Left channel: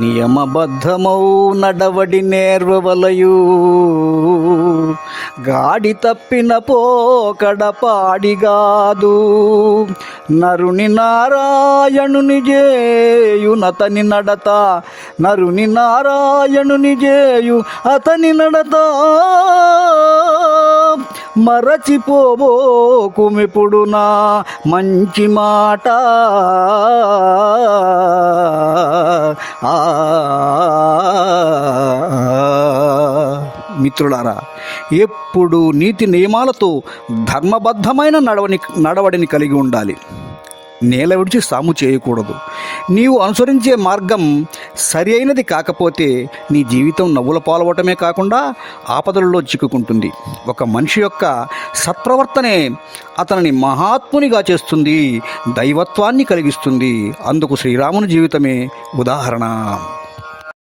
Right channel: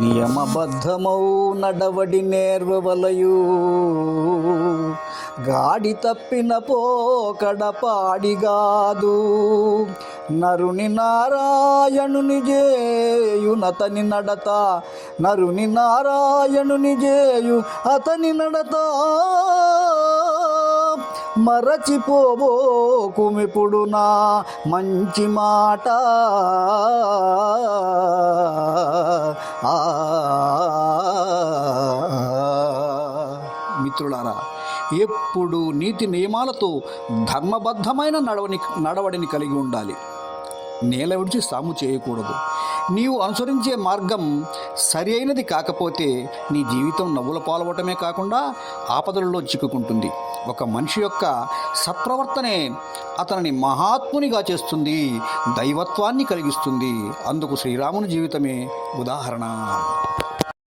నియమబద్ధమౌ నడవడి నేర్వవలయు. గాడి తప్పిన పోకడ పాడిగాదు. నరుని నారాయణుని జేయు నతని నడత. నరుని నారాయణుని జేయు అతని నడత. మరచిపోబోకుమిప్పుడు నా మంచి మాట. మిత్రులారా ఎప్పుడు నీతి నియమాలతో ధర్మబద్ధమైన నడవని నడవడిని కలిగి ఉండాలి. నేల విడిచి సాము చేయకూడదు. నీవు అనుసరించే మార్గం సరి అయినది కాకపోతే నీ జీవితం నవ్వుల పాలవటమే కాకుండా ఆపదలలో చిక్కుకుంటుంది. ఒక మనిషి యొక్క సత్ప్రవర్తనే అతనిని మహాత్మునిగా చేస్తుంది దైవత్వాన్ని కలిగిస్తుంది. అందుకు శ్రీరాముని జీవితమే ఉదాహరణ.